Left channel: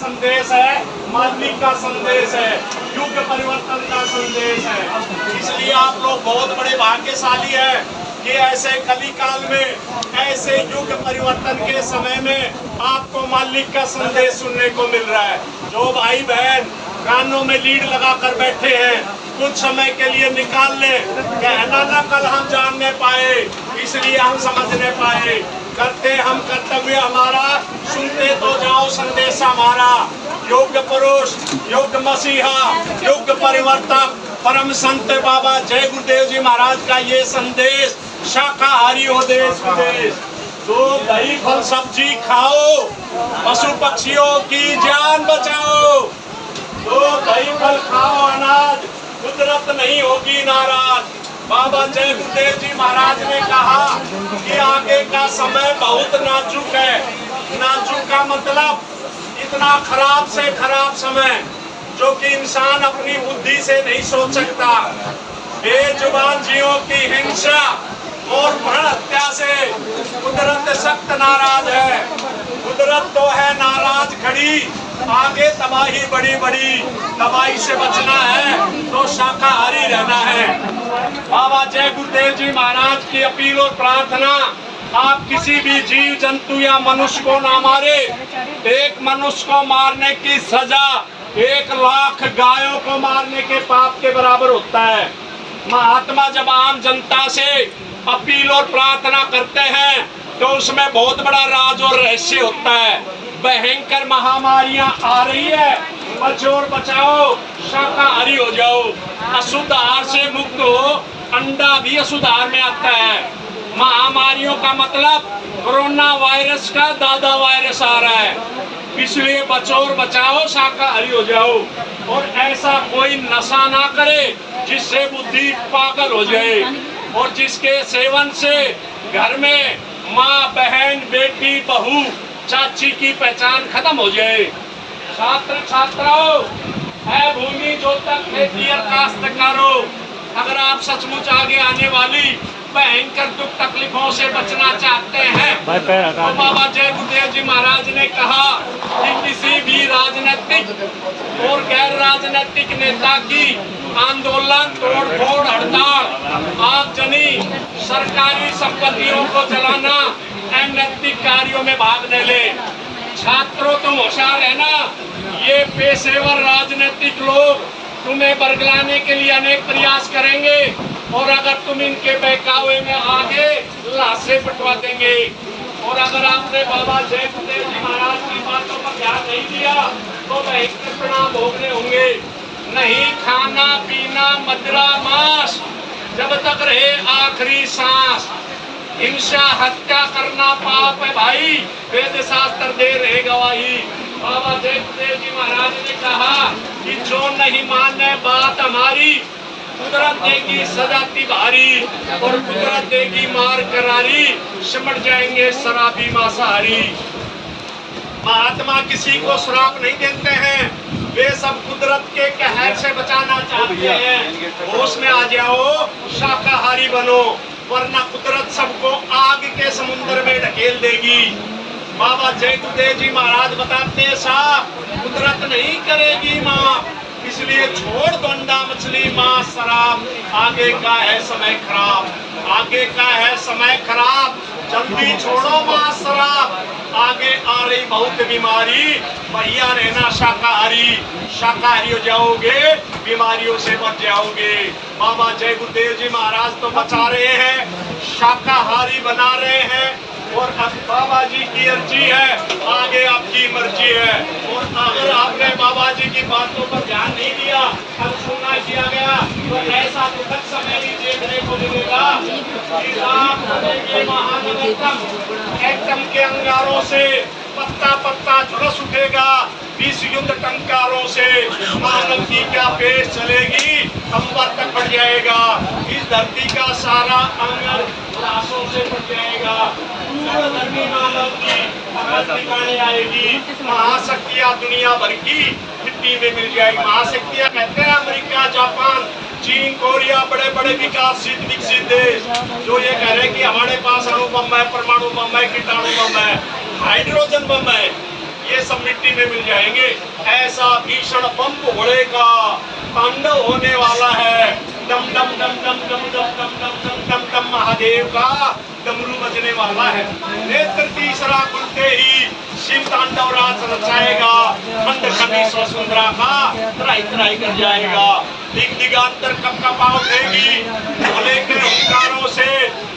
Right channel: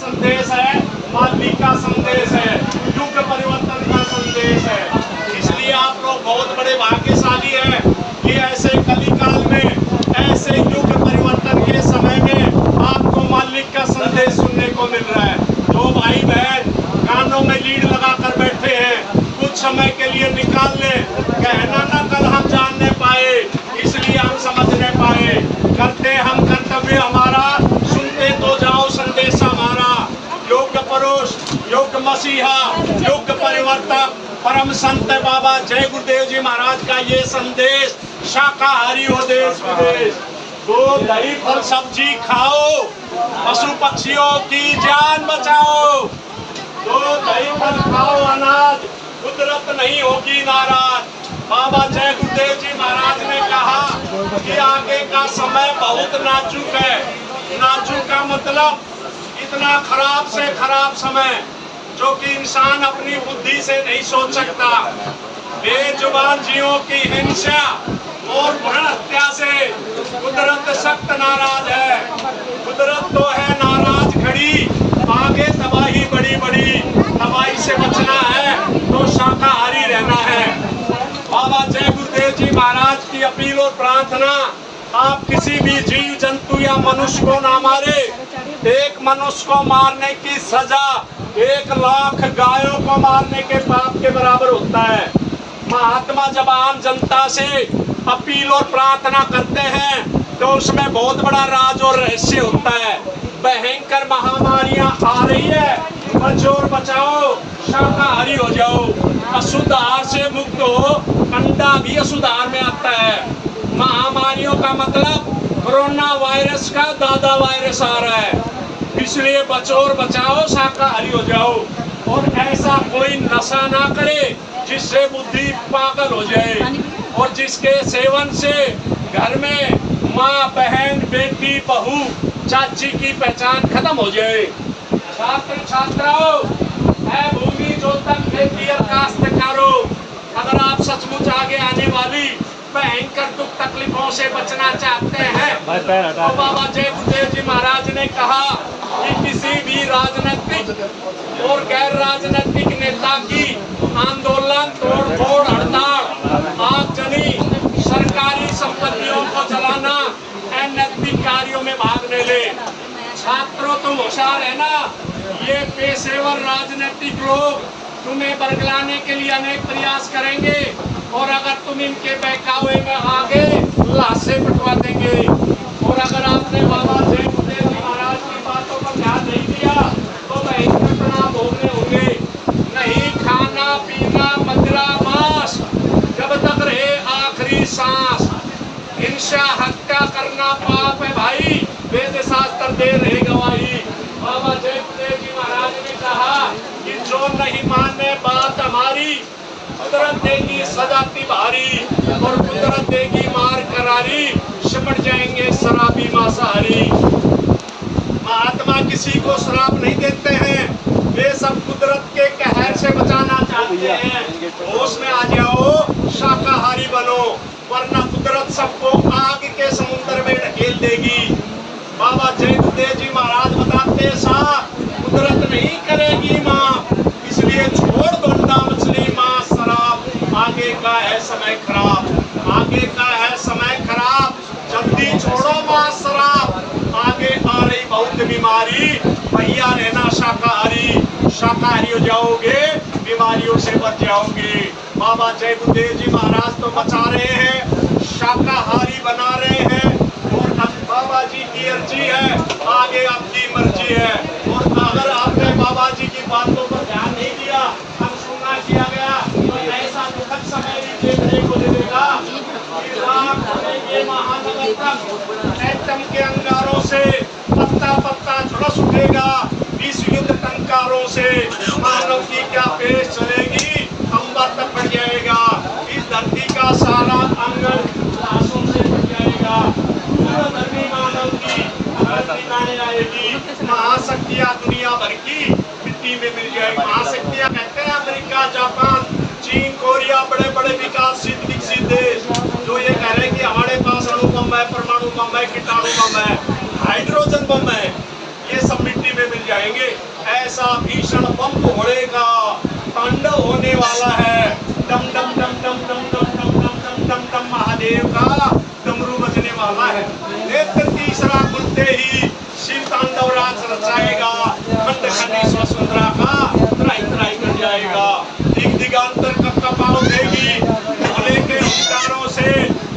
संदेश है, मानवीय का संदेश है, युग परिवर्तन का संदेश है। इसलिए आप लोग बहुत बड़े भाग्यशाली हैं कि ऐसे कलिकाल में, ऐसे युग परिवर्तन के समय में आपको मालिक का संदेश सुनने को मिल रहा है। जो भाई बहन कानों में लीड लगा कर बैठे हैं, कुछ समय के लिए निकाल ले, कहना ना कल हम जानने पाए, इसलिए हम समझने पाए। करते हम कर्तव्य हमारा, सुनते तो जाओ संदेश हमारा। योग्य पुरुष, योग्य मसीहा, योग्य परिवर्तक परम संत बाबा जय गुरुदेव जी महाराज का ये संदेश, शाकाहारी हो देश विदेश, तो दही फल सब्जी खाओ, पशु पक्षियों की जान बचाओ, तो दही फल खाओ अनाज, कुदरत नहीं होगी नाराज। बाबा जय गुरुदेव जी महाराज ने कहा कि आगे का समय बहुत नाजुक है। नाजुक का मतलब इतना खराब से खराब समय जो कि इंसान अपनी बुद्धि से नहीं सोच सकता। बेजुबान जीवों की हिंसा और भ्रूण हत्या से कुदरत सख्त नाराज है। कुदरत तो है नाराज खड़ी, आगे तबाही बड़ी बड़ी, तबाही से बचना है तो शाकाहारी रहना है। बाबा जय गुरुदेव जी महाराज की अपील और प्रार्थना, आप किसी भी जीव जंतु या मनुष्य को ना मारे। एक मनुष्य को मारने की सजा 1 लाख गायों को मारने के पाप के बराबर होता है। महात्मा जब आम जनता से अपील और प्रार्थना करते हैं तो उसमें बहुत बड़ा राज और रहस्य होता है। भयंकर महामारियां आ रही है, बचो और बचाओ, शाकाहारी हो जाओ। अशुद्ध आहार से मुक्त हो, अंडा भी अशुद्ध आहार में आता है। महामारियों का मतलब कोरोना वायरस का दादा वायरस आ रहा है, इसलिए बचो और बचाओ, शाकाहारी हो जाओ। और ऐसा कोई नशा ना करे जिससे बुद्धि पागल हो जाए और जिसके सेवन से घर में माँ बहन बेटी बहू चाची की पहचान खत्म हो जाए। छात्र छात्राओं, है भूमि जो तक खेती और काश्तकारों, अगर आप सचमुच आगे आने वाली भयंकर दुख तकलीफों से बचना चाहते हैं तो बाबा जय गुरुदेव जी महाराज ने कहा कि किसी भी राजनीतिक और गैर राजनीतिक नेता की आंदोलन, तोड़फोड़, हड़ताल, आगजनी, सरकारी संपत्तियों को जलाना, अनैतिक कार्यों में भाग न ले। छात्रों तुम होशियार है ना, ये पेशेवर राजनीतिक लोग तुम्हें बरगलाने के लिए अनेक प्रयास करेंगे और अगर तुम इनके बहकावे में आगे लाशें पिटवा देंगे। और अगर आपने बाबा जय गुरुदेव जी महाराज की बातों पर ध्यान नहीं दिया तो भयंकर परिणाम भोगने होंगे। नहीं खाना पीना मदिरा मांस जब तक रहे आखिरी सांस। हिंसा हत्या करना पाप है भाई, वेद शास्त्र दे रहे गवाही। बाबा जय गुरुदेव जी महाराज ने कहा कि जो नहीं माने बात हमारी, कुदरत देगी सजा भारी और कुदरत देगी मार करारी, सिमट जाएंगे शराबी मांसाहारी। महात्मा किसी को श्राप नहीं देते हैं, वे सब कुदरत के कहर से बचाना चाहते हैं। होश में आ जाओ, शाकाहारी बनो, वरना कुदरत सबको आग के समुद्र में ढकेल देगी। बाबा जय गुरुदेव जी महाराज बताते हैं साहब, कुदरत नहीं करेगी माँ, इसलिए छोड़ दो अंडा मछली मांस शराब। आगे का है समय खराब, आगे का है समय खराब, जल्दी छोड़ो मांस शराब। आगे आ रही बहुत बीमारी, भैया रहना शाकाहारी, शाकाहारी हो जाओगे, बीमारियों से बच जाओगे। बाबा जय गुरुदेव जी महाराज तो बचा रहे हैं, शाकाहारी बना रहे हैं और अब बाबा जी की अर्जी है, आगे आपकी मर्जी है। और अगर आपने बाबा जी की बातों पर ध्यान नहीं दिया, अनसुना किया गया तो ऐसा दुखद समय भी देखने को मिलेगा कि आप बनेंगे महानतम। एटम के अंगारों से पत्ता पत्ता झुलस उठेगा, विश्व युद्ध टंकारों से मानव की क्या पेश चलेगी, अंबर तक बढ़ जाएगा। इस धरती का सारा अंगन लाशों से बढ़ जाएगा। धर्मी मानव की ठिकाने आएगी। महाशक्तियां दुनिया भर की मिट्टी में मिल जाएगी। महाशक्तियां कहते हैं अमेरिका, जापान, चीन, कोरिया, बड़े बड़े विकसित देश जो ये कह रहे हैं कि हमारे पास अणु बम है, परमाणु बम है, कीटाणु बम है, हाइड्रोजन बम है, ये सब मिट्टी में मिल जाएंगे। ऐसा भीषण बम घोड़े का तांडव होने वाला है। डम डम डम डम डम डम डम डम डम डम डम महादेव का डमरू बजने वाला है। नेत्र तीसरा खुलते ही शिव तांडव राज रचाएगा। खंड खंडी स्वतंत्रा का त्राई त्राई कर जाएगा। दिग दिगांतर कप कपा उठेगी। भोले के हुंकारों से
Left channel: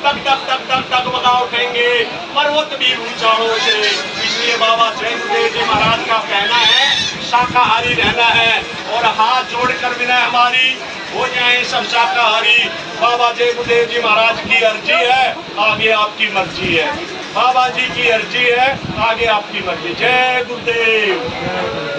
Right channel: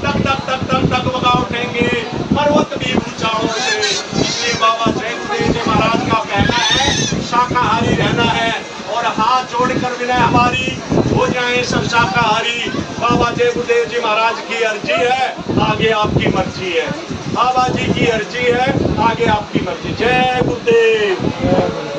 तक तक तक तक तक बगा उठेंगे पर्वत भी ऊंचाइयों से। इसलिए बाबा जयदेव जी महाराज का कहना है शाकाहारी रहना है और हाथ जोड़कर विनय हमारी हो जाए सब शाकाहारी। बाबा जय गुरुदेव जी महाराज की अर्जी है, आगे आपकी मर्जी है। बाबा जी की अर्जी है, आगे आपकी मर्जी। जय गुरुदेव।